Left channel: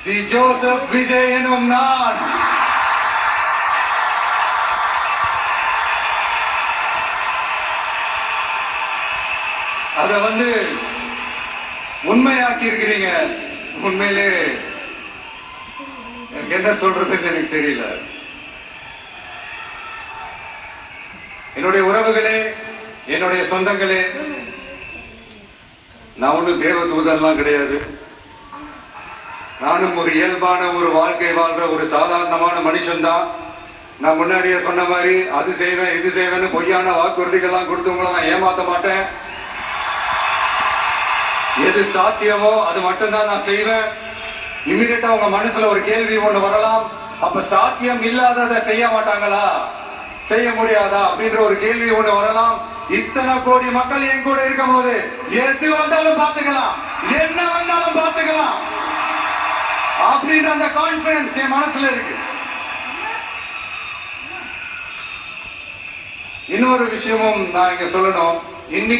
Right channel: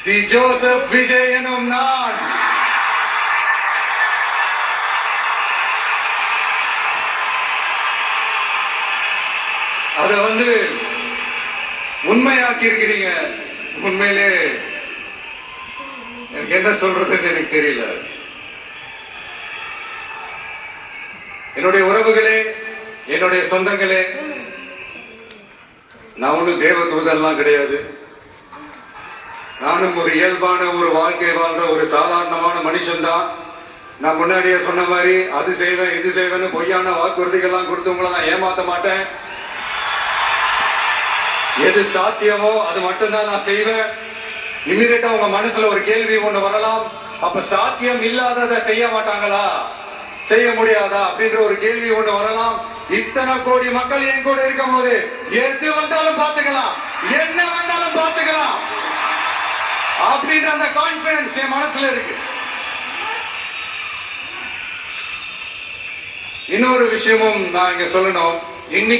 C Joseph Vijay எனும் நான் அத உண்மையாக்கி இருக்கிறீங்க. உண்மையிலே எனக்கு என்ன சொல்றதுன்னு எனக்கு தெரியல. என்னுடைய உறவுகளே, என்னுடைய சொந்தங்களே, நான் ஒன்றும் தேவ தூதர்லாம் கிடையாது. நானும் ஒரு இயல்பான ஒரு வாழ்க்கை வாழ்ற ஒரு சாதாரணமான மனுஷன்தான். நான் முன்னாடியே சொன்ன மாதிரி அது செய்வேன் இது செய்வேன்னு பொய்யான வாக்குறுதிகள்லாம் கொடுத்து உங்களை நான் ஏமாத்த மாட்டேன். எது சாத்தியமோ அது மட்டும்தான் நான் செய்வேன். இம்மிடியா உங்க மனசுல ஒரு கேள்வி ஒண்ணு வரலாம், அப்ப சாத்தியம் இல்லாததை செய்ய மாட்டாங்களா, செய்ய முடியாதா அப்படின்ற ஒரு கேள்வி ஒண்ணு வரலாம். இத்தனை கோடி மக்கள் என் கூட இருக்கும் போது எது வந்தாலும் பார்த்துக்கலாம், என்ன வந்தாலும் பார்த்துக்கலாம் அப்படின்ற அந்த கான்பிடன்ஸ் என் மனசுல இருக்கு. இன்னொரு விஷயமும் நான் இங்க சொல்லணும். இன்னைக்கு